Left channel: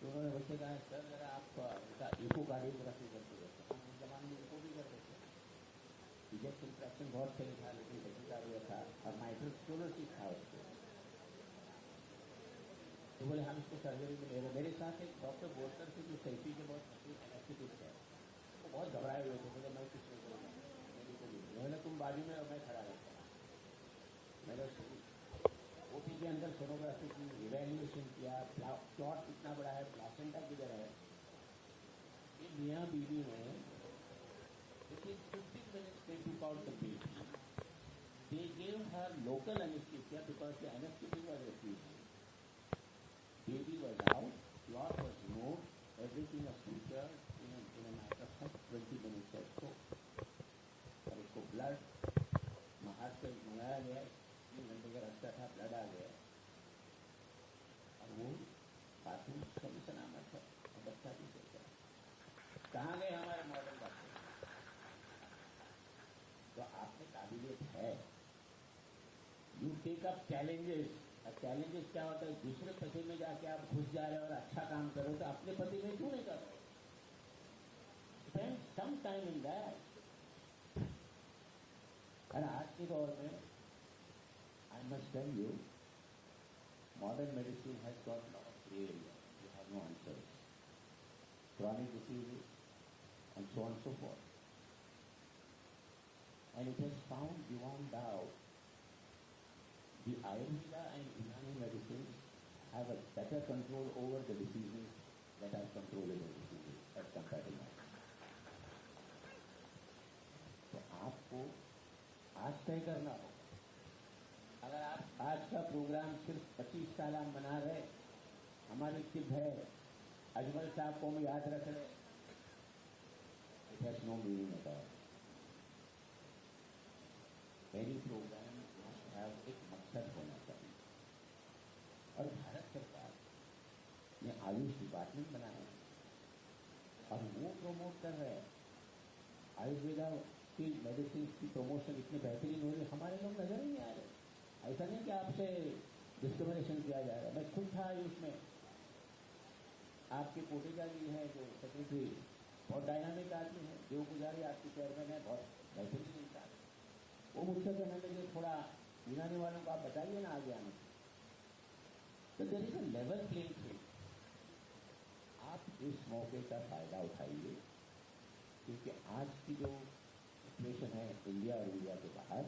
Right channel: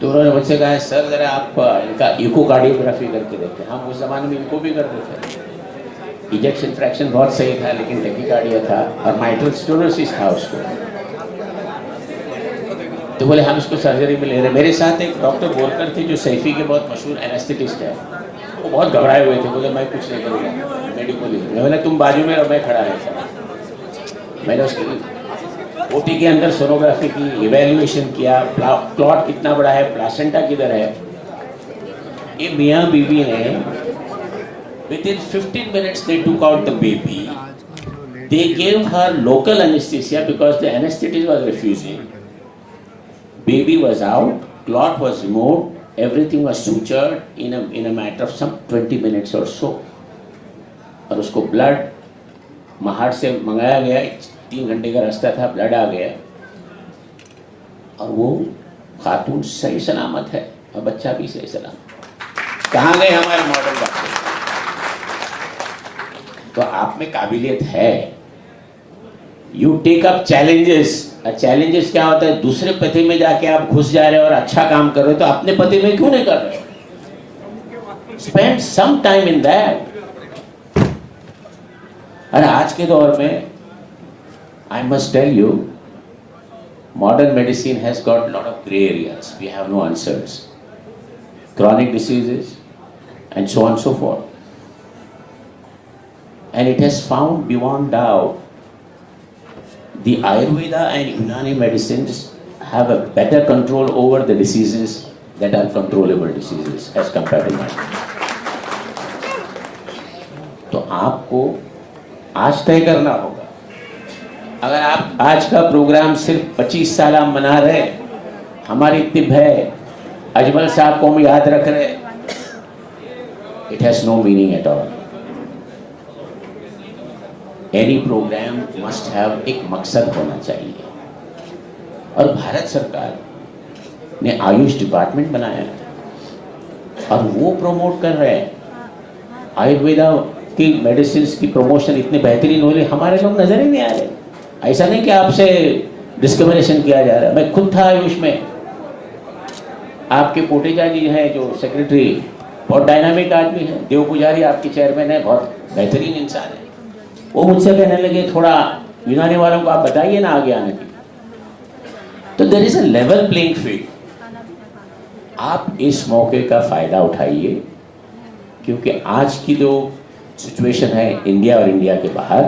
तो उन्होंने मुझसे कहा सर ज़रा आप इनका इकोकार्डियोग्राफी करके देखते हैं। हम उस ज़माने में इनको भी करते थे। इजेक्शन फ्रैक्शन बहुत सही था लेकिन टेकिकार्डिया था और माइट्रल स्टेनोसिस था उसको। तो बोले हम इसको सर्जरी में ले रहे। मेरे साथ एक डॉक्टर बोलकर थे जो सैफी के बहुत मशहूर एनेस्थेटिस्ट है। वो बहुत घबराए हुए थे, बोले मैं कुछ नहीं करूँगा मेडिकली। मैं बोला तुम बाजू में और मैं खड़ा रहता। मैंने उसकी ओटी के अंदर सोनोग्राफी की, इवेल्युएशन किया, क्लॉट कितना बड़ा है, प्लासेंटा किधर है। ये मियाँ बीवी ने within 15 minutes they took out the baby. They gave her local anesthesia because the anesthetist was refusing. Baby was out, clot was removed, everything was sutured in a matter of some 20 minutes or so. और उसको blood Mahad से मंगाया गया, 3 घंटे का रास्ता था, blood आ गया और वो खातून सही सलामत है और बच्चा भी सही सलामत। कहाँ गए हमारे मॉडल डॉक्टर? तो आप में काबिलियत है। You take up challenges. Challenges क्या होता है? दूसरे पति में जाके आप घुस जा रहे हो और अच्छा काम कर रहे हो, तो अपने पति में क्यों नहीं कर रहे हो? Spend some time in that. और आज के दौर में I must tell you, modern medicine has got lot of grey areas. We have no answers, chronic diseases and so on and so forth. And it has found beyond doubt the Ayurveda and Unani medicines have a better control over the diseases that are controllable diseases as compared to mine. तो आपको आज तय करना होगा। अगर आप आज का प्रोग्राम सिर्फ 25 साल हम मना रहे, हमारी तिब है, अजमल साहब को हम याद रख रहे, it has no meaning at all. Any programme must have एक मकसद होना चाहिए। और भारत सरकार ने आयुष डिपार्टमेंट बनाया है और वो प्रमोट कर रहे हैं आयुर्वेदा की मेडिसिन की प्रमोशन। इतने बेहतरीन हो रही, हमारे लोग नजर ही नहीं आ रहे। ऐसा नहीं कि आपसे डिस्क्रिमिनेशन किया जा रहा है। मैं खुद था आयुष में। आपके कोटेचा जी हैं जो सेक्रेटरी, बहुत डायनामिक आदमी है। देव पुजारी आपके चेयरमैन है, बहुत बेहतरीन इंसान है। वो मुझसे कहने लगे थोड़ा यूनानी वालों को आप बताइए ना आगे आने की। तो there is a level playing field. आप इस मौके का फायदा उठाइए, क्योंकि आज की जो सिचुएशन है इंडिया और इंडिया के बाहर,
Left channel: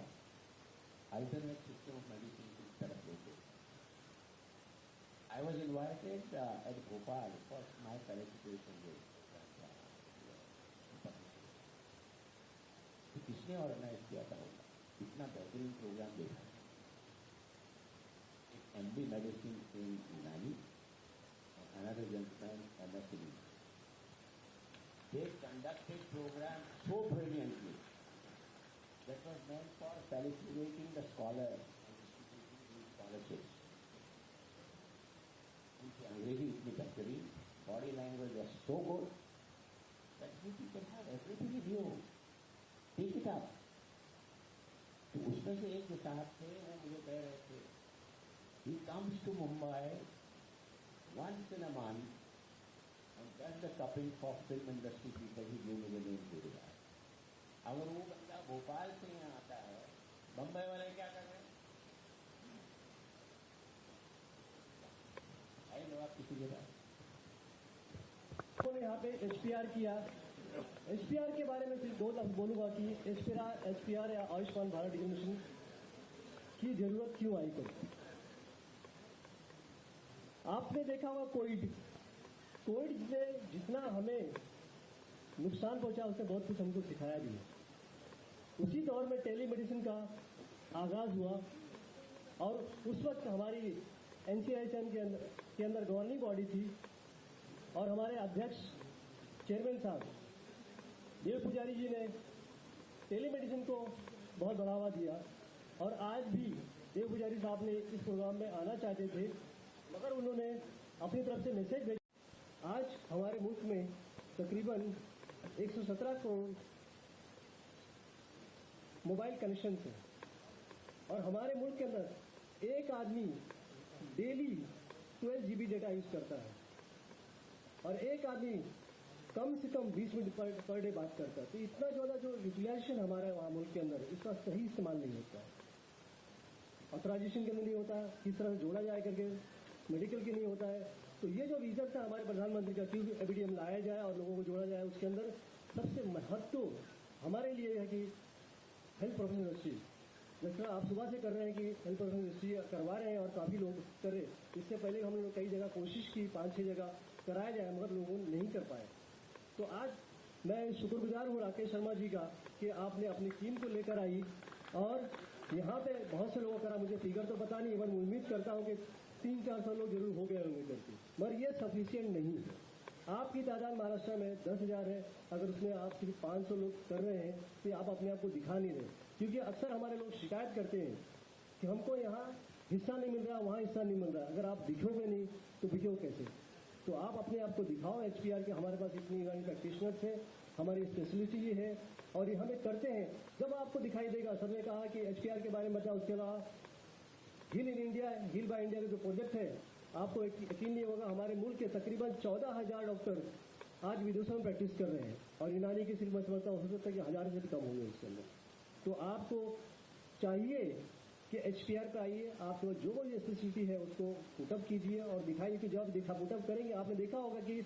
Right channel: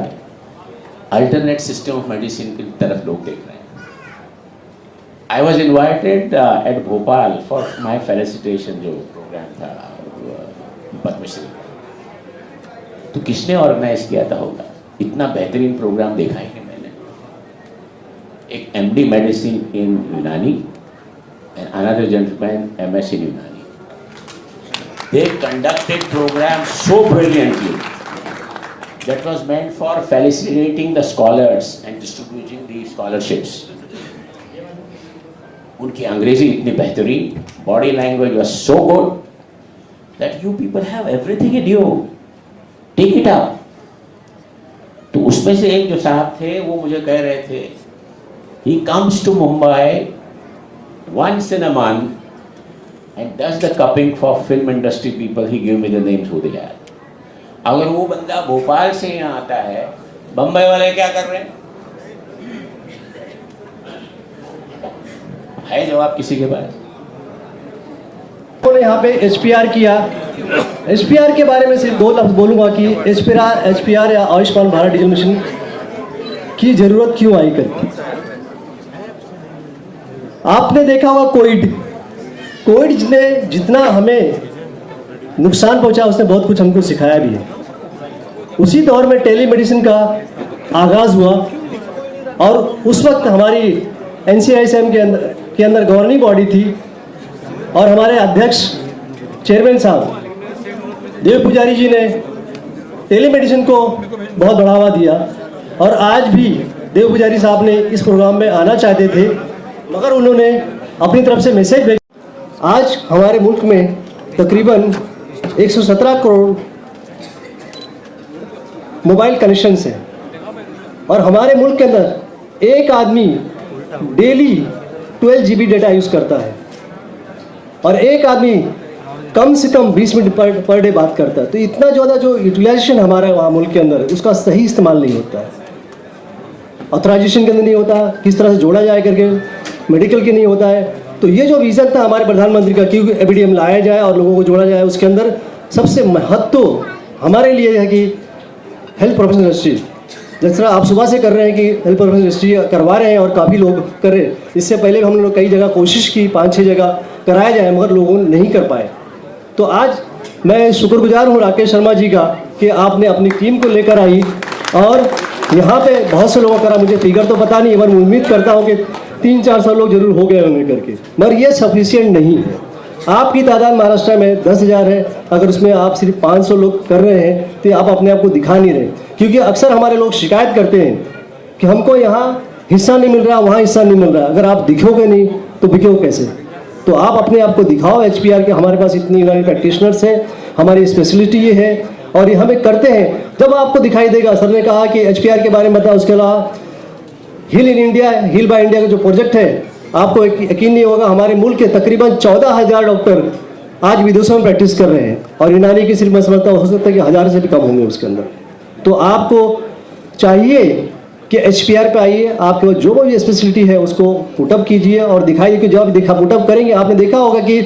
अल्टरनेट सिस्टम ऑफ मेडिसिन की तरफ लोग देख रहे हैं। I was invited at Bhopal for my felicitation जो प्रोग्राम था पद्मश्री। तो किसने ऑर्गेनाइज किया था होगा? इतना बेहतरीन प्रोग्राम देखा ही नहीं मैंने। एक MD मेडिसिन इन यूनानी and another gentleman MS in Unani. They conducted program so brilliantly that was meant for felicitating the scholars and distributing the scholarships. उनकी अंग्रेजी इतनी बेहतरीन, body language was so good that you people have everything in you, take it up. तो उसमें से एक जो साहब थे वो मुझे कह रहे थे, he comes to Mumbai once in a month and does the cupping for film industry people. He gave me the names who they are. अगर वो बंदा भोपाल से यहाँ आता है, बम्बई वाले क्या कर रहे हैं? है जवाब किसी के पास? उन्होंने यहाँ पे HPR किया। HPR के बारे में सिर्फ 2 लफ्ज़ बोलूँगा कि HPR या आयुष्मान भारत डिजिटल मिशन की ज़रूरत क्यों आई कर। आपने देखा होगा कोविड ने जितना हमें नुकसान पहुंचा, उसने बहुत कुछ हमको सिखाया भी है। उसी दौर में टेलीमेडिसिन का आगाज़ हुआ और उस वक्त हमारी NCISM के अंदर गवर्निंग बॉडी थी और हमारे अध्यक्ष चेयरमैन साहब देव पुजारी जी ने टेलीमेडिसिन को बहुत बढ़ावा दिया। और आज भी देव पुजारी साहब ने इस प्रोग्राम में आना चाहते थे, मगर उन्होंने अपनी तरफ से मैसेज भेजा। आज हमारे मुल्क में तकरीबन 117 करोड़ मोबाइल कनेक्शंस हैं और हमारे मुल्क के अंदर एक आदमी डेली 12 GB डेटा यूज़ करता है। और एक आदमी कम से कम 20 मिनट पर डे बात करता है। तो इतना ज़्यादा जो यूटिलाइजेशन हमारा वहाँ मुल्क के अंदर उसका सही इस्तेमाल नहीं होता है, ऑथराइजेशन के अंदर नहीं होता, किस तरह से जोड़ा जाए करके मेडिकल के नहीं होता है। तो ये जो विज़न था हमारे प्रधानमंत्री का कि एबीडीएम लाया जाए और लोगों को जोड़ा जाए, उसके अंदर सबसे महत्व हमारे लिए है कि हेल्थ प्रोफेशनल रजिस्ट्री, जिस तरह आप सुबह से कर रहे हैं कि हेल्थ प्रोफेशनल रजिस्ट्री करवा रहे हैं और काफ़ी लोग कर रहे हैं। इससे पहले हम लोग कई जगह कोशिश की, 5-6 जगह कराया जाए, मगर लोगों ने नहीं कर पाए। तो आज मैं शुक्रगुजार हूँ राकेश शर्मा जी का कि आपने अपनी टीम को लेकर आई और यहाँ पे बहुत से लोगों करा, मुझे फिगर तो पता नहीं, पर मैं उम्मीद करता हूँ कि 300-400 लोग जरूर हो गए होंगे करके, मगर ये सफिशिएंट नहीं है। आपकी तादाद महाराष्ट्र में 10,000 है, अगर उसमें आप सिर्फ 500 लोग कर रहे हैं तो आप अपने आप को दिखा नहीं रहे। क्योंकि अक्सर हमारे लोग शिकायत करते हैं कि हमको यहाँ हिस्सा नहीं मिल रहा, वहाँ हिस्सा नहीं मिल रहा। अगर आप दिखोगे नहीं तो बिकोगे कैसे? तो आप अपने आप को दिखाओ। HPR के हमारे पास इतनी यूनानी प्रैक्टिशनर्स हैं, हमारी स्पेशलिटी ये है और ये हमें करते हैं। जब आपको दिखाई देगा, सर ने कहा कि HPR के बारे में बताया, उसके अलावा heal in India, heal by India का जो प्रोजेक्ट है, आपको यकीन नहीं होगा, हमारे मुल्क के तकरीबन 14,000 डॉक्टर आज विदेशों में प्रैक्टिस कर रहे हैं और यूनानी की सिर्फ मैं समझता हूँ हो सकता है कि 1,000 से भी कम होंगे उसके अंदर। तो आपको चाहिए कि HPR पे आइए, आपके जो भी स्पेशलिटी है उसको पुटअप कीजिए और दिखाइए कि जब पुटअप करेंगे, आपने देखा होगा कि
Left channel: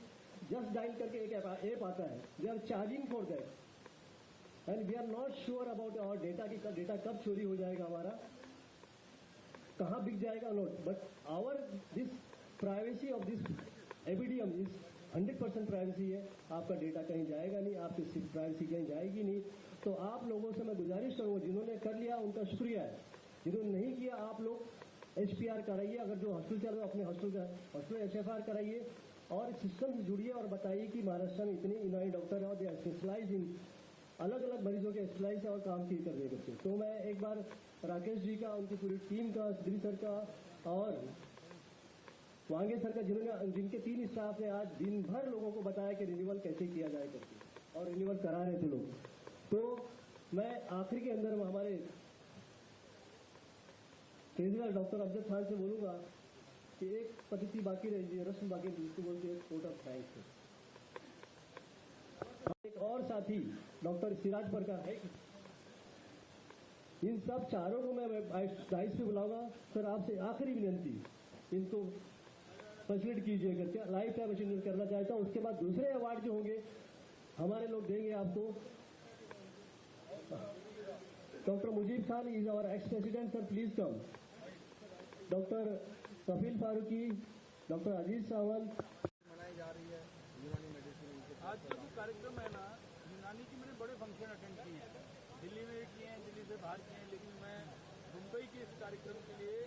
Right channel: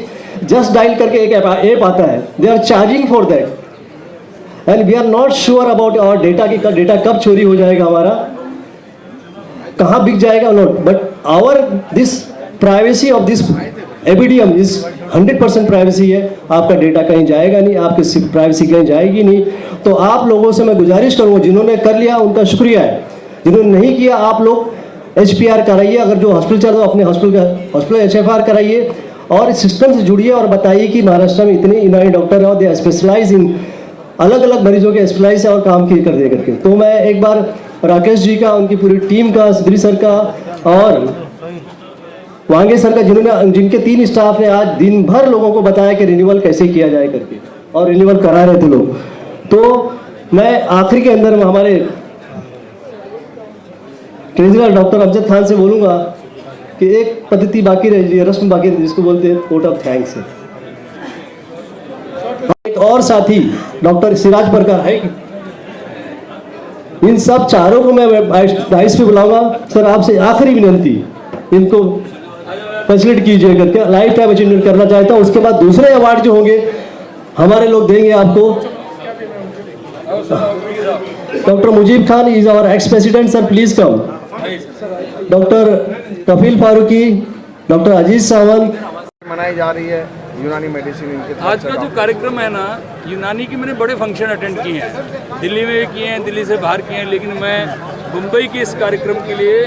जस्ट डायल करके एक ऐप आता है, they are charging for that and we are not sure about our data की डेटा कब चोरी हो जाएगा, हमारा कहाँ बिक जाएगा, not but our this privacy of this ABDM is 100% privacy है। आपका डेटा कहीं जाएगा नहीं, आपकी प्राइवेसी कहीं जाएगी नहीं। तो आप लोगों से मैं गुजारिश करूँगा, जिन्होंने कर लिया उनका शुक्रिया है, जिन्होंने नहीं किया आप लोग HPR कराइए। अगर जो हॉस्पिटल चल रहा है अपने हॉस्पिटल HFR कराइए और इस सिस्टम से जुड़िए और बताइए कि महाराष्ट्र में इतने यूनानी डॉक्टर हैं और दे स्पेशलाइज इन अलग अलग मरीजों के स्पेशलाइज है और काम किए कर दे करके। तो मैं एक बार राकेश जी का, उनकी पूरी टीम का, सिद्धि सर का और वांगे सर का, जिनके 3 स्टाफ ने आज दिन भर लोगों को बताया कि रिन्यूअल कैसे किया जाए करके और रिन्यूअल करा रहे थे लोग। तो मैं आखिरी के अंदर में हमारे ट्रेजरर डॉक्टर अमजद खान से बोलूँगा कि एक पद्धति बाकी रही, रस्म बाकी रही, जिसको बोलते हैं वोट ऑफ थैंक्स है। एक और साथी डॉक्टर सिराज परकार है, इन सब चारों को मैं डाइस पे बुलाऊंगा। सर आपसे आखिरी विनंती, इनको फैसिलिटी कीजिए करके लाइफ टाइम अचीवमेंट करना चाहता हूँ। उसके बाद दूसरे अवार्ड जो होंगे हमारे लोग देंगे आपको। Doctor Mujeeb Khan is our ex president, sir please come. Doctor Kafeel Farooqui, doctor Aziz Sawant. मनाई जा रही है यूनानी मेडिसिन इनके। आज का जो कार्यक्रम है ना, यूनानी की मैंने बड़े फंक्शन अटेंड किए हैं, दिल्ली में भी किए हैं, दिल्ली से बाहर किए हैं, लेकिन मैं मुंबई के इस कार्यक्रम के लिए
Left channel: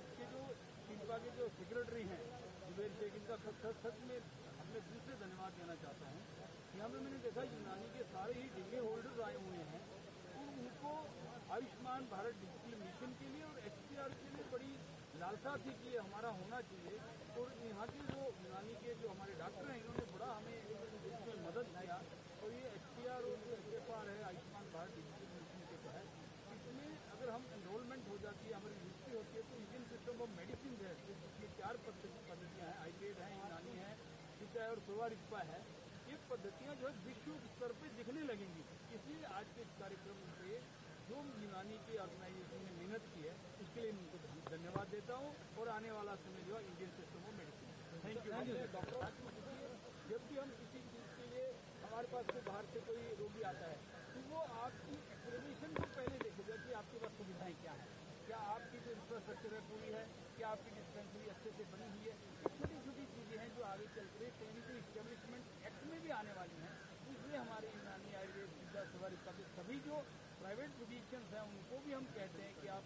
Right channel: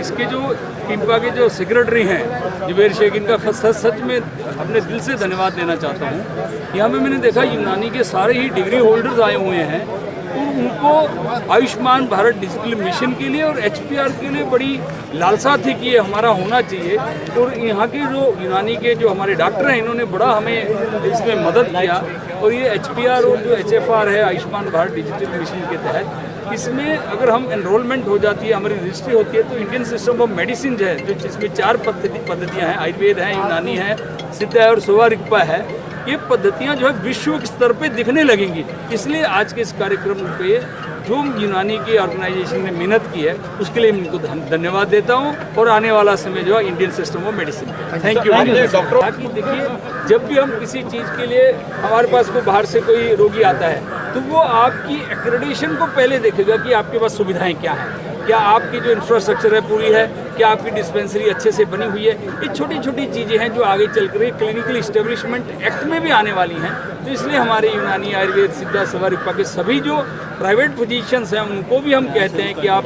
इसके जो टिम्पा के जो सेक्रेटरी हैं जुबैर शेख, इनका सच में अपने दिल से धन्यवाद देना चाहता हूँ। यहाँ पे मैंने देखा यूनानी के सारे ही डिग्री होल्डर्स आए हुए हैं और उनको आयुष्मान भारत डिजिटल मिशन के लिए और HPR के लिए बड़ी लालसा थी कि ये हमारा होना चाहिए। और यहाँ के जो यूनानी के जो हमारे डॉक्टर हैं, इन्होंने बड़ा हमें इसमें मदद किया। और ये HPR और जो HFR है, आयुष्मान भारत डिजिटल मिशन के तहत, इसमें अगर हम एनरोलमेंट हो जाती है, हमारी रजिस्ट्री होती है, तो इंडियन सिस्टम ऑफ मेडिसिन जो है, जो जिसमें 4 पद्धतियाँ हैं, आयुर्वेद है, यूनानी है, सिद्ध है और सोवा रिग्पा है, ये पद्धतियाँ जो है विश्व स्तर पे दिखने लगेंगी। इसलिए आज के इस कार्यक्रम पे जो यूनानी की ऑर्गेनाइजेशन ने मेहनत की है, उसके लिए मैं इनको धन्यवाद देता हूँ। और आने वाला समय जो है Indian system of medicine. Thank you doctor. ताकि देखिए, जब भी हम किसी चीज़ के लिए हमारे पास कोई बाहर से कोई रोगी आता है, तो वो आपकी एक्रेडिटेशन को पहले देखेगा कि आपके पास सुविधाएँ क्या हैं, क्या आपकी जो इंफ्रास्ट्रक्चर है पूरी है, क्या आपकी डिस्पेंसरी अच्छे से बनी हुई है। ये छोटी छोटी चीज़ें हैं जो आगे चल कर क्लिनिकल इस्टेब्लिशमेंट एक्ट में भी आने वाली हैं। तो इसलिए हमारे यूनानी, आयुर्वेद, सिद्धा, सोवा रिग्पा के सभी जो प्राइवेट फिजिशियंस हैं, उनको भी हम कहते हैं कि आप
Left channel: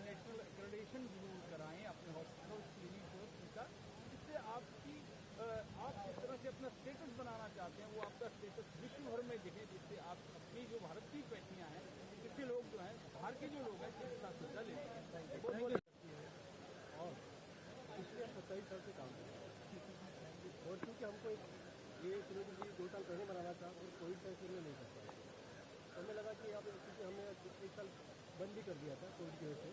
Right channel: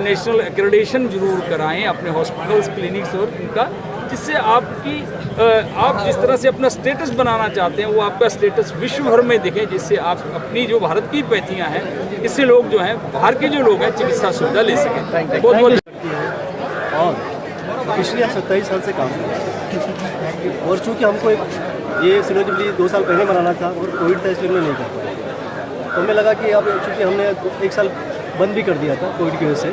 नेशनल एक्रेडिटेशन जरूर कराएं अपने हॉस्पिटल्स, क्लिनिक्स और इनका, जिससे आप जिस तरह से अपना स्टेटस बनाना चाहते हैं, वो आपका स्टेटस विश्व भर में दिखे, जिससे आप अपनी जो भारत की पैथियाँ हैं, इससे लोग जो हैं, बाहर के जो लोग हैं, चिकित्सा सुविधा ले सकें। बहुत बहुत और पिछले 27 साल से काम कर रहे हैं और चूँकि हमको ये सिनोजुबली 2 साल पहले मनाना था और कोविड था, इसलिए हमने नहीं कर पाया। तो हमें लगा कि अब चूँकि हमने 1 साल बंद भी कर दिया था कोविड की वजह से,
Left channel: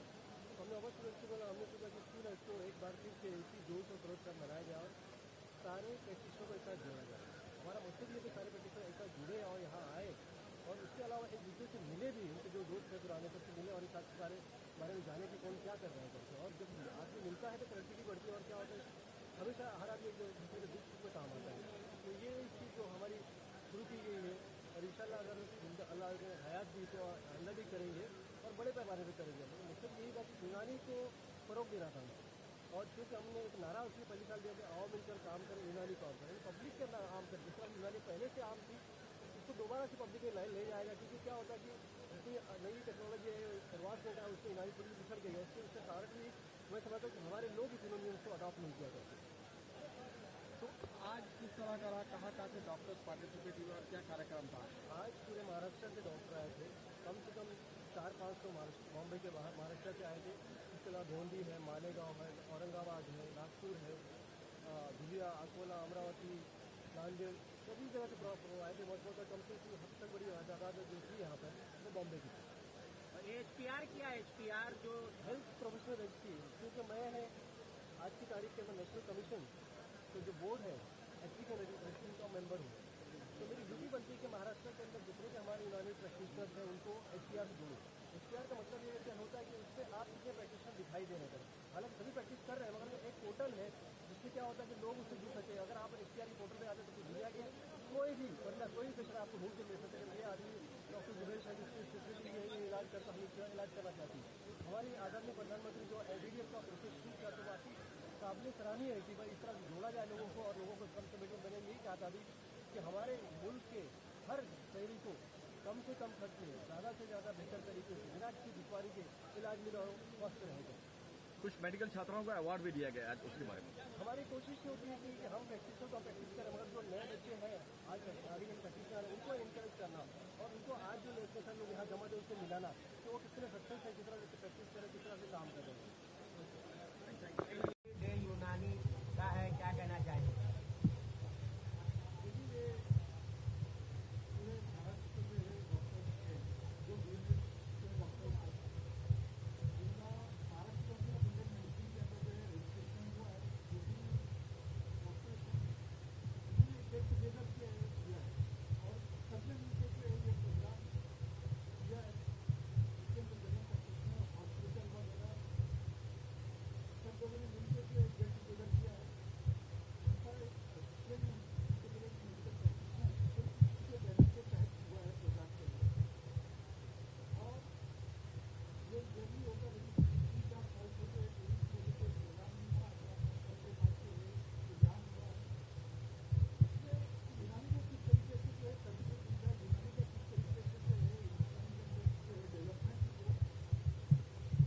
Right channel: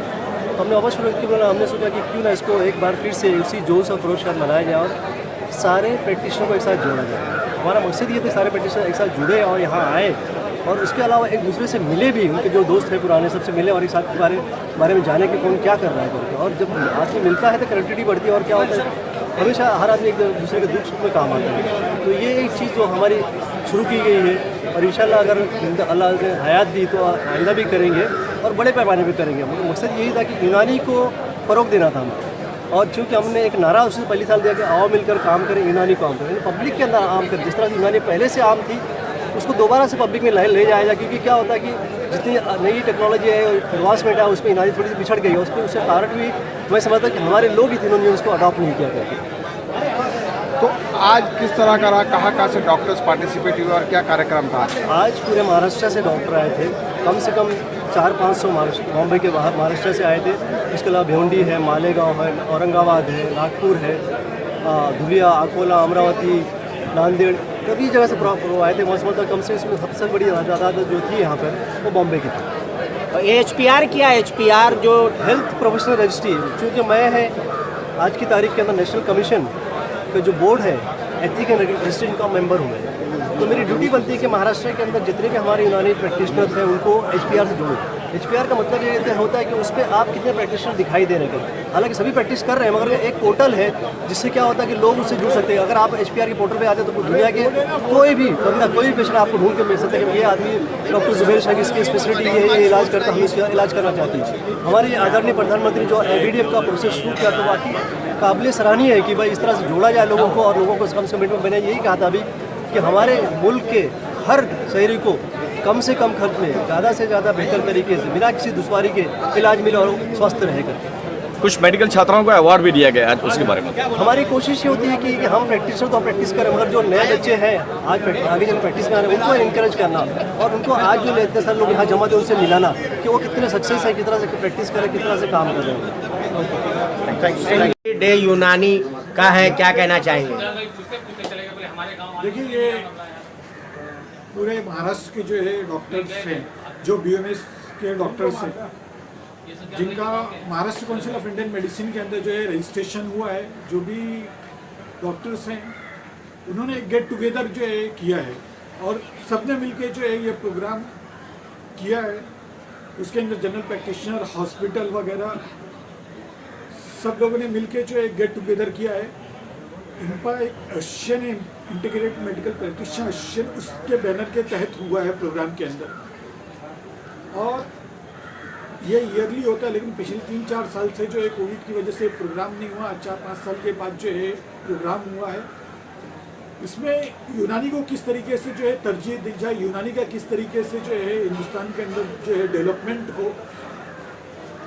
तो हमने अवश्य हमने सोचा कि क्यों ना इसको एक बार फिर से उसी जोश और खरोश के साथ मनाया जाए और सारे प्रैक्टिशनर को एक साथ जोड़ा जाए। हमारा मकसद ये था सारे प्रैक्टिशनर एक साथ जुड़े और यहाँ आए और उसके अलावा एक दूसरे से मिले भी, उनके जो दोस्त थे पुराने सबसे मिले और एक साथ के बारे में जाने कि कौन क्या कर रहा है करके। और जब आदमी मिलता है तो कनेक्टिविटी बढ़ती है और क्या होता है हमेशा हर आदमी एक दूसरे के दुख सुख में काम आता है। तो ये एक चीज़ जो हमारी शुरू की गई है और इंशाल्लाह अगर अल्लाह ने हयात दी तो आइंदा भी करेंगे और बड़े पैमाने पर करेंगे। मकसद यही था कि यूनानी को फ़रोग देना था हमें। और चूँकि हमने एक नारा उससे पहले साल दिया कि आओ मिलकर काम करें, यूनानी को आम करें, पब्लिक के अंदर आम करें। जिस तरह से यूनानी पहले से आम थी उसको दोबारा से पब्लिक में ले जाया जाए, क्योंकि क्या होता है कि जितनी नई टेक्नोलॉजी है एडवांसमेंट है उसमें यूनानी थोड़ी सी पिछड़ गई है। उस पर उससे कारण भी मैं समझता कि हमारे लोग ही थे उन्होंने उसको अडॉप्ट नहीं किया करके। तो आज किस तरह का रहा, कहाँ से डॉक्टर्स पार्टिसिपेट हुए और क्या कार्यक्रम था? आज पूरे महाराष्ट्र से डॉक्टर आए थे, कम से कम 400-500 बॉम्बे के बाहर महाराष्ट्र से आए थे। उसके अलावा भिवंडी है, मालेगांव है, औरंगाबाद है, नागपुर है, धुलिया, अकोला, अमरावती, नांदेड़, कई जगह से आए थे। मतलब कम से इसमें सबसे बड़ी तादाद जो थी यहाँ पर वो बॉम्बे की थी। HPR क्या है? HPR जो हेल्थ प्रोफेशनल रजिस्ट्री, चूँकि मैं है आज की तारीख के अंदर नेशनल कमीशन का जो बोर्ड है एथिक एंड रजिस्ट्रेशन का मेंबर हूँ मैं। तो मेरी ड्यूटी बनती है कि महाराष्ट्र के अंदर जितने भी हमारे यूनानी प्रैक्टिशनर्स हैं उनको HPR से जोड़ो। HPR का मतलब ये होता है कि उस पर आप कितने प्रैक्टिशनर दिखाई दे रहे हैं। हालांकि सभी प्रैक्टिस कर रहे हैं मगर एक पोर्टल है जिससे क्या होता है कि लोग उससे जुड़ सकते हैं। अगर आप HPR के पोर्टल पे आते हैं तो दुनिया के कोई भी बंदा, कोई भी पेशेंट आपको ढूंढ के मिल सकता है कि ये आदमी डॉक्टर जुबैर शाह इसकी स्पेशलिटी ये इलाज करता, हम इसका इलाज करना चाहते हैं। हमारे आदरणीय प्रधानमंत्री जो ABDF का प्रोसेस शुरू किया तो बाकी काबिल सराहनीय है कि भाई इस तरह से जोड़ा जाए लोगों को और लोगों को कम से कम मैंने यही कहा था अभी कि हमारे मुल्क के हर शहरी को कम से कम खर्च में ज़्यादा से ज़्यादा बेहतर तरीके से बिना किसी दुश्वारी के इलाज मिले और स्वस्थ रहे करके। कुछ मेडिकल छात्राओं को अवार्ड भी दिया गया आज, उसके बारे में हमारी कोशिश ये होती है कि हम प्रैक्टिसर तो हम प्रैक्टिस करें मगर जो नए बच्चे हैं आज आगे जब प्रैक्टिस में आ रहे हैं उनको इनकरेज करना और उनको आज जो इतने सारे लोग यहाँ जमा थे उनसे मिलाना कि वो कितने सक्सेस है, किस तरह से प्रैक्टिस करें, किस तरह से काम कर रहे हैं। डे यूनानी का है, क्या कहना चाहेंगे? देखिए ये पूरे महाराष्ट्र के जो है डॉक्टर्स हैं, जो BMS के डॉक्टर्स हैं, जिनका Maharashtra council of Indian medicine के अंदर जो है रजिस्ट्रेशन हुआ है, जो भी डॉक्टर्स हैं उन्होंने एक गेट टुगेदर जो है किया है और सबने मिलके जो है ये प्रोग्राम किया है। उसके अंदर जनरल प्रैक्टिशनर, हॉस्पिटल वगैरह सब लोगों ने मिलके जो है गेट टुगेदर किया है। इनका एक Asian integrated medical practitioner Asian उसके बैनर के तहत हुआ है प्रोग्राम के अंदर और ये ईयरली होता है। लेकिन पिछले 3-4 साल से जो है कोविड की वजह से प्रोग्राम नहीं हुआ। 4-5 साल के बाद जो है प्रोग्राम हुआ है। इसमें यूनानी को किस तरीके से जो है तरजीह दी जाए, यूनानी का किस तरीके से जो है हिंदुस्तान के अंदर जो है डेवलपमेंट हो,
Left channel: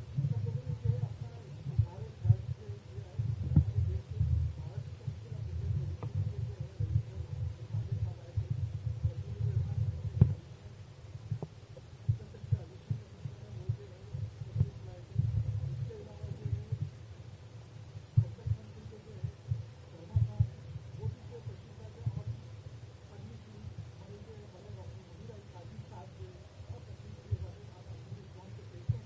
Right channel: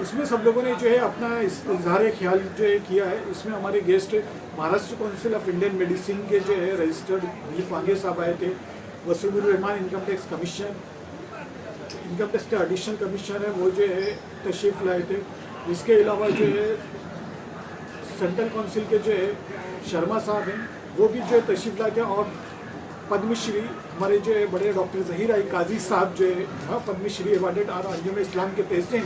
इसमें सब लोगों ने जो है अपना इजहार ख्याल जो है किया है। इसमें हमारे guest Maharashtra council of Indian medicine के जो है रजिस्टर्ड दिलीप वांगे साहब आए थे, Wasimur Rahman income tax commission, income tax के एडिशनल कमिश्नर है, वो जो है तशरीफ़ लाए थे। इसके अलावा जो है सेंट्रल काउंसिल के जो है शर्मा साहब हैं, वो भी जो है तशरीफ़ लाए थे और पद्मश्री हमारे जो है बड़े डॉक्टर ज़हीर आई काजी साहब जो है पद्मश्री अवार्डेड और अंजुम इस्लाम के तहसीन,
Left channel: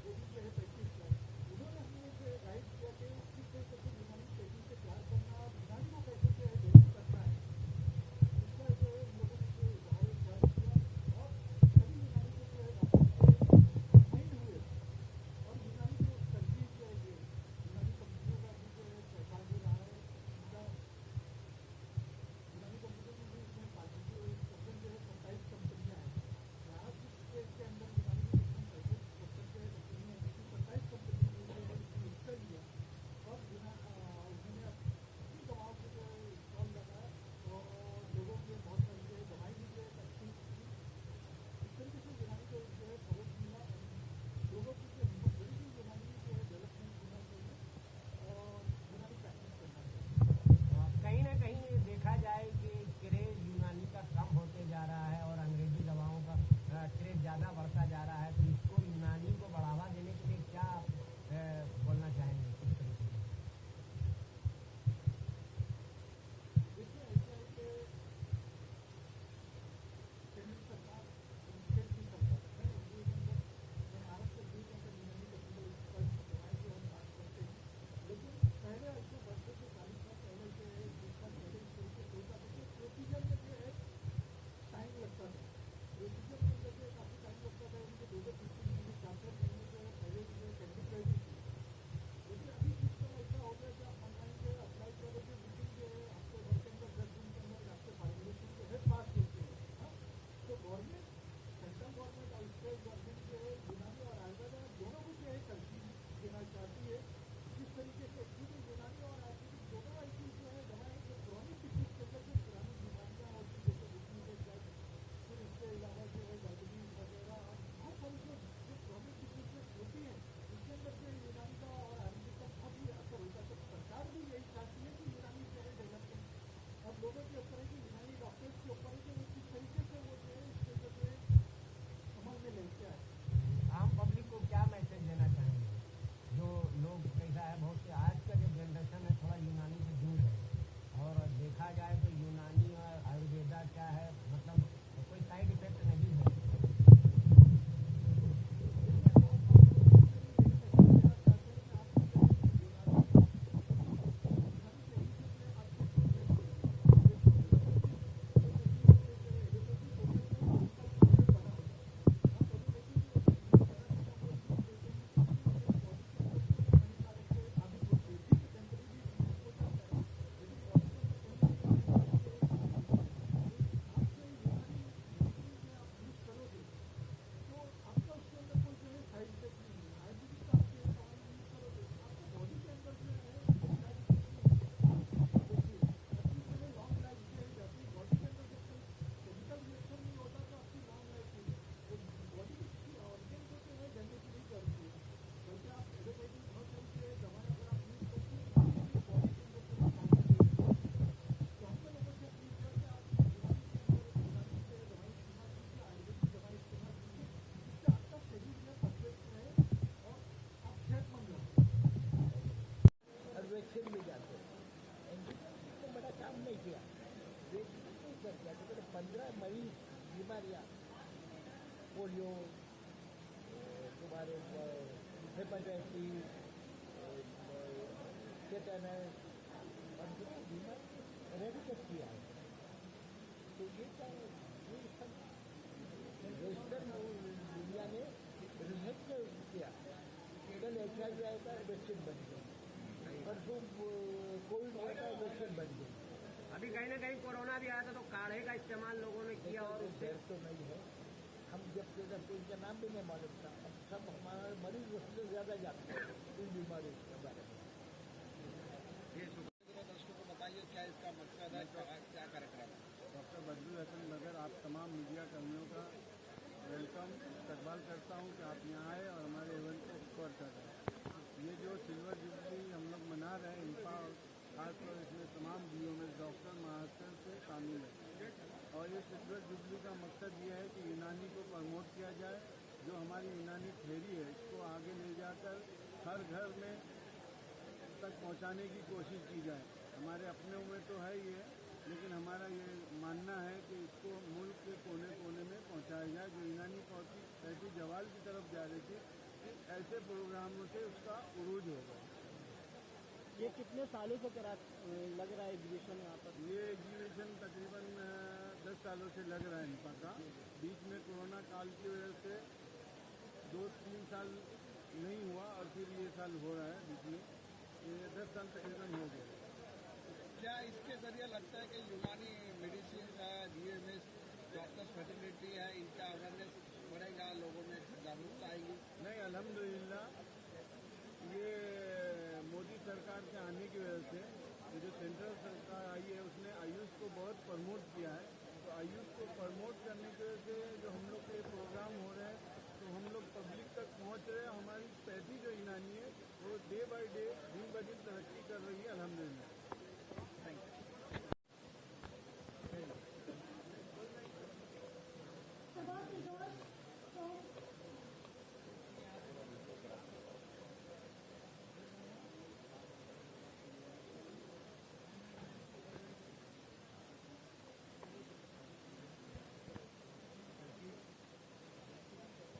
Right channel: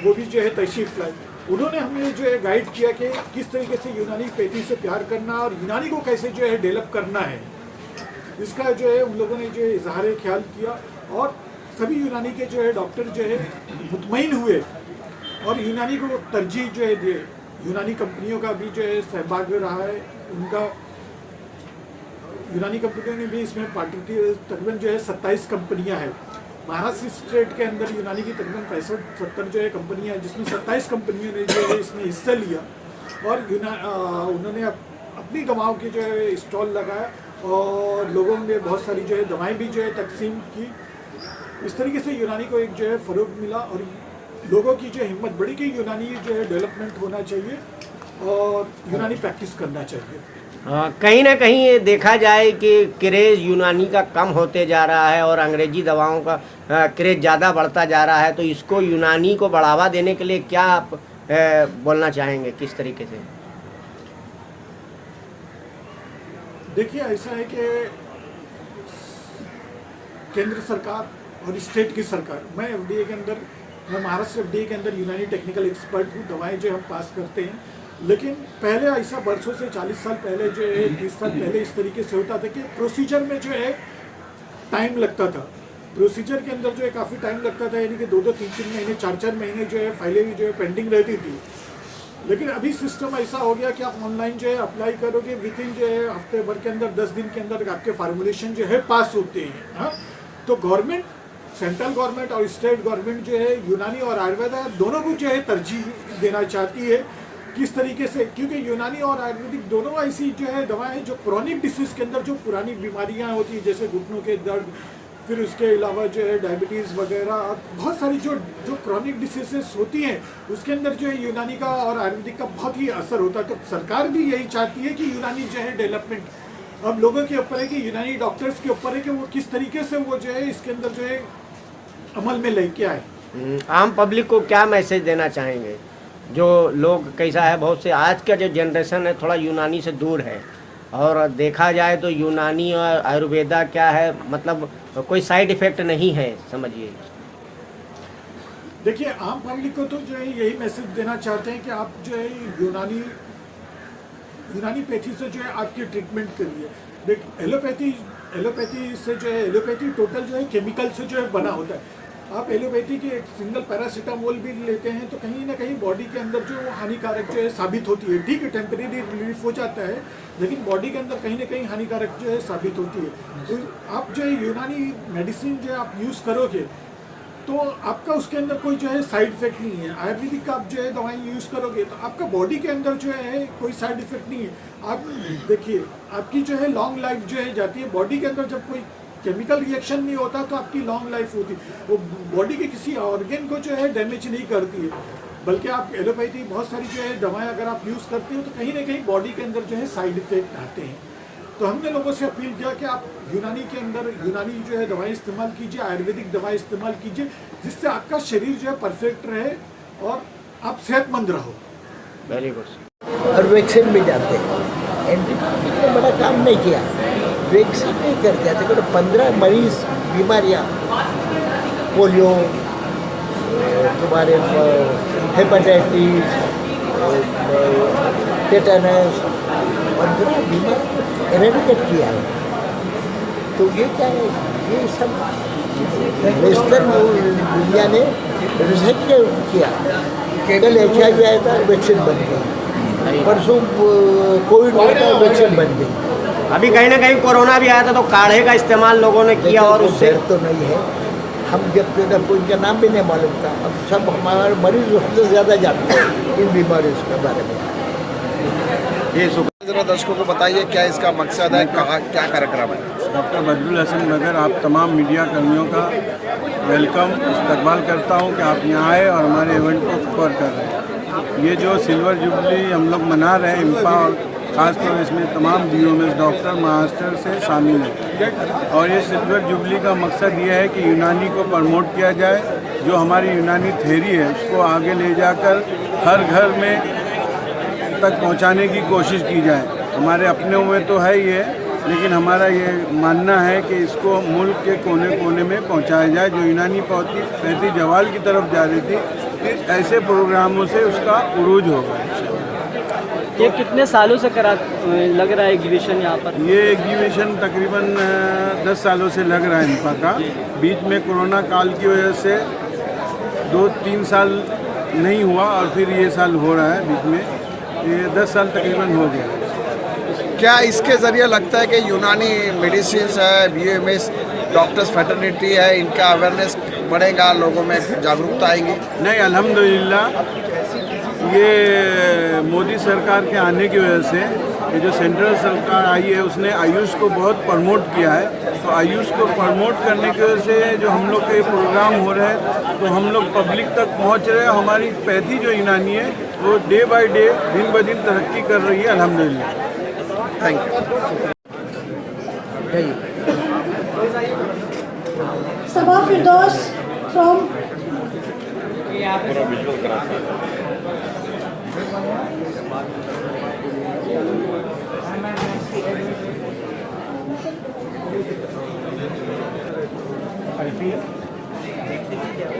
वो भी जो है तशरीफ़ लाए। उन्होंने हमें जो है गाइड किया कि किस तरीके से यूनानी पैथी से प्यार करना और यूनानी को कैसे जो है डेवलप करना है। इसका जो है उन लोगों ने जो है इजहार ख्याल किया और सभी यूनानी के जो है डॉक्टर जो है मुतमईन हुए और यूनानी को तरजीह जो है दिए। यूनानी कंपनियों का भी जो है सहभाग रहा है, उनका यूनानी कंपनियों ने भी इसमें पार्टिसिपेट, तकरीबन जो है 27 कंपनियां हैं। महाराष्ट्र स्टेट के अंदर यूनानी की तकरीबन 65-70 जो है कंपनियां हैं, जिसमें 27 कंपनियों ने जो है इसमें हिस्सा लिया और उन्होंने अपनी दवाओं की जो है स्टॉल लगाया और लोगों ने बहुत सारी जो है दवाएं भी जो है तकसीम की। इस तरीके से यूनानी को एक जो है फ़रोग मिला और लोगों की जो हिम्मत बढ़ी कि यूनानी जो है डेवलपमेंट होना चाहिए और यूनानी प्रैक्टिस करना चाहिए। कहीं ना कहीं ये देखा जाए कि क्रेज़ यूनानी का कम होते जा रहा है और अंग्रेजी दवाओं का क्रेज़ ज़्यादा बढ़ता जा रहा है, तो इसको यूनानी को बढ़ावा देने के लिए क्या आप बोलना चाहेंगे, किस तरीके से? देखिए ऐसा है कि केंद्र सरकार और स्टेट की सरकार, मैं FDA के अंदर मैं महाराष्ट्र FDA के अंदर यूनानी टेक्निकल एक्सपर्ट हूँ। दवाएं जो हम पास करते हैं, लेकिन पहले ऐसा बरसों से 40 साल पहले जो है 30 साल पहले इस तरीके से होता था कि प्रोसीजर में जो है टाइम लगता था। प्रोसीजर के अंदर जो है काफ़ी टाइम लगता था, यानी कि 2-2, 3-3 महीने, 4-4 महीने जो है फाइलें भी जो है पेंडिंग रहती थी। लेकिन अभी सिस्टम ऐसा हो गया कि आप ऑनलाइन जो है अप्लाई करोगे, विद इन जो है हफ्ते भर के अंदर 10 दिन के अंदर आपके फार्मूलेशन जो है पास होते हैं। हाँ, तो गवर्नमेंट, सेंट्रल गवर्नमेंट और स्टेट गवर्नमेंट जो है यूनानी और आयुर्वेदा दोनों को जो है तरजीह देना चाहती है। किस तरीके से, क्योंकि यूनानी और आयुर्वेदिक दोनों ऐसी जो है दवाएं हैं जो क्रॉनिक डिसीज़ के अंदर जो पुरानी बीमारियां होती हैं, जैसे घुटनों के दर्द, फिर उसके अलावा जो है डायबिटीज़ वगैरह, बहुत सारी जो क्रॉनिक डिसीजेस होती हैं उसके अंदर जो है यूनानी का और आयुर्वेदिक का बहुत ही असर होता है। तो सरकार भी यही चाहती है कि यूनानी जो है डेवलपमेंट अब लोगों के ऊपर है, कि यूनानी डॉक्टर्स के ऊपर है कि वो किस तरीके से वो जो है इसके अंदर जो है अमल में लेके आए। आम पब्लिक को क्या मैसेज देना चाहेंगे? जो लोग कैसा है, बहुत से आज का जो जनरेशन है थोड़ा यूनानी से दूर है, और देखा जाए तो यूनानी और आयुर्वेदा क्या है, मतलब कोई साइड इफ़ेक्ट नहीं है, समझिए। देखिए, आम पब्लिक को तो जो है यही मैसेज देना चाहते हैं कि आप जो है यूनानी पैथी से जो है आपकी ट्रीटमेंट करिए। देख, एलोपैथी से जो है, एलोपैथी टोटल जो है केमिकल से जो है बना होता है। आप एलोपैथी के एक सिंगल पैरासीटामोल भी लेते हैं तो कहीं ना कहीं बॉडी के अंदर जो वो हानिकारक जो है साबित होती है। ठीक है, टेम्परेरी रिलीफ हो जाता है, लेकिन बॉडी के अंदर कहीं ना कहीं हानिकारक जो है साबित होती है। तो आप जो है यूनानी मेडिसिन जो है आप यूज़ करोगे तो आपका उसके अंदर कोई जो है साइड इफेक्ट नहीं है। आयुर्वेदिक का आप जो है दवाई यूज़ करोगे तो आपका बॉडी के अंदर जो है कोई साइड इफेक्ट नहीं है। आप देखिए, आपकी जो है लॉन्ग लाइफ जो है जाती है। बॉडी के अंदर जब कोई केमिकल रिएक्शन नहीं होता तो आपकी लॉन्ग लाइफ होती है, वो बॉडी के किसी ऑर्गन को जो है डैमेज नहीं करती है। बल्कि आप एलोपैथी बहुत सारी जो है दवाएं अगर आप यूज़ करते हो तो कहीं ना कहीं बॉडी के अंदर जो है साइड इफेक्ट आते हैं। तो हमने लोगों से अपील किया कि आप यूनानी के अंदर यूनानी जो है दवाएं इस्तेमाल कीजिए, आयुर्वेदिक दवाएं इस्तेमाल कीजिए, जिससे आपका शरीर जो है परफेक्ट रहे और आप सेहतमंद रहो। Very good. और वैक्सीन भी जाते हैं। एंटीबायोटिक ने बड़ा काम नहीं किया, वैक्सीन नहीं कर जाते। तो 15 मरीज बीमारियाँ, पोलियो, तुम्हारे हेपेटाइटिस, टेटनस, 15 बीमारी एरेडिकेट किया है। तो ये क्या है, ये सब वेस्टर्न दुनिया ने रिसर्च किया। कल HIV आया था, वैक्सीन बन गई। परसों कोविड हुआ था, वैक्सीन बन गई। अभी कहीं ना कहीं कोरोना भी आया था तो काढ़े का इस्तेमाल लोगों ने किया, और उससे तो नहीं है। हम जब तक उनका नाम भी नहीं मालूम था, अब सब हमारे मरीज हमसे ज़्यादा जानते हैं इन बीमारियों के बारे में। ये जरा दर्शकों को बताइए क्या इसका मकसद है, कहाँ क्या कार्यक्रम है? डॉक्टर बदरुल हसन नगर आप तमाम मीडिया कर्मियों का वेलकम इस्तकबाल करता हूं कि आप यहाँ आए और हमारे इवेंट को कवर कर रहे हैं। ये जो सिल्वर जुबली हम लोग मना रहे हैं इम्पा, और ख़ासतौर इसमें तमाम BOMS डॉक्टर मास्टर से शामिल हैं। और ये सिल्वर जुबली का मकसद ये है कि यूनानी को प्रमोट किया जाए, जो हमारी यूनानी थ्योरी है उसको आगे ले जाकर हर घर में तक पहुंचाने की कोशिश की जाए। हमारे अपने में तो है ये, लेकिन हमारा ये मानना है कि इसको मुल्क के कोने कोने में पहुंचाया जाए। जो यूनानी पैथी जवाल की तरफ जा रही थी, ऐसे प्रोग्रामों से उसका उरूज होगा। ये कितने सालों से लग रहा है एग्जीबिशन यहाँ पर? ये एग्जीबिशन तकरीबन 10 सालों से लग रहा है इनका का। बीच में कोरोना काल की वजह से 2-3 साल नहीं हुआ और फिर ये साल हो रहा है बीच में। ये 10 साल तकरीबन हो गया। क्या इसके ज़रिए लगता है कि यूनानी मेडिसिन है, BOMS डॉक्टर्स फ्रेटर्निटी है, इनका अवेयरनेस बढ़ेगा, लोगों में जागरूकता आएगी? नहीं, अल्हम्दुलिल्लाह ये मोदी सरकार के आने की वजह से, ये जो सेंट्रल सरकार आई है उसने आयुष को बहुत प्रमोट किया है। तो आयुष को प्रमोट करने की वजह से जो हम लोग के प्रोग्राम हो रहे हैं, तो हम लोग पब्लिक तक पहुंच रहे हैं। हमारी पैथी जो यूनानी है वो डे बाय डे, दिन ब दिन तरक्की कर रही है, अल्हम्दुलिल्लाह। Thank you. Saba Firdaus from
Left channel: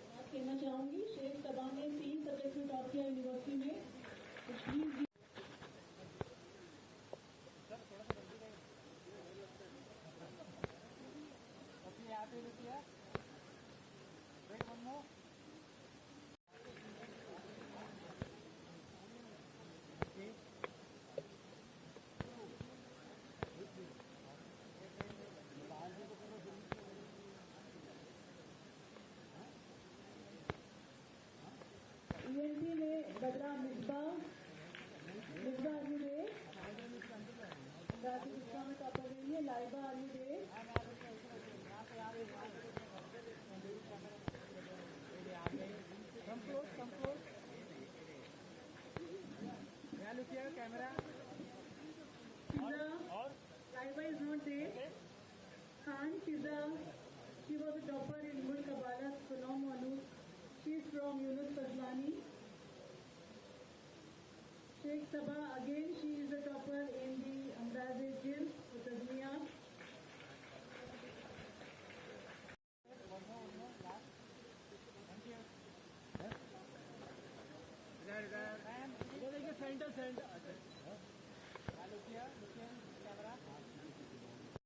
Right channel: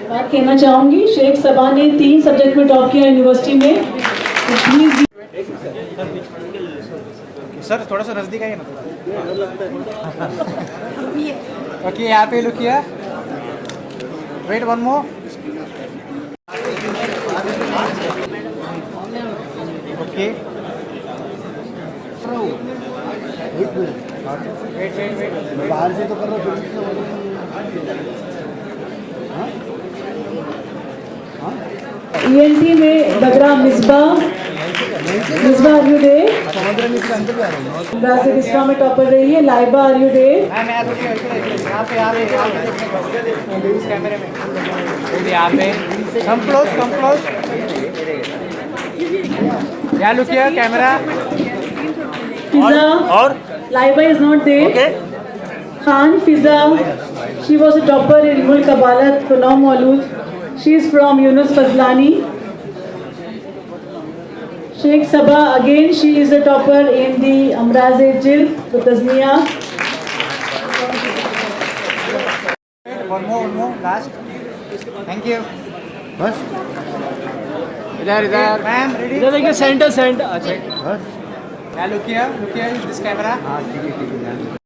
और कहना चाहूँगी, शेख सबा ने 3 सब्जेक्ट में टॉप किया यूनिवर्सिटी में। Please सर थोड़ा सा नजदीक आइए ना। ओके, यहाँ पे लुक किया। Wait one more. Okay, wait बाहर से तो कर रहा ENT में बगरा मिसबा आर यू डे? इस्लाम में टॉपर रही है। Laiba are you there? यहाँ पे कम क्लोज यहाँ लुक किया कैमरा। फिजा और Laiba is not there. Khan Fiza, she was a topper in मुल्क कबालत फनौम मौलूद, she is from Yunus Fazlani. Sheikh Sabah, again she is a topper in the Amraz-e-Jilf, the Tazniya. one more last. Thank you. बस इधर ma'am ready. इधर देखिए, centre. अच्छा look किया दिस कैमरा। हाँ ठीक है।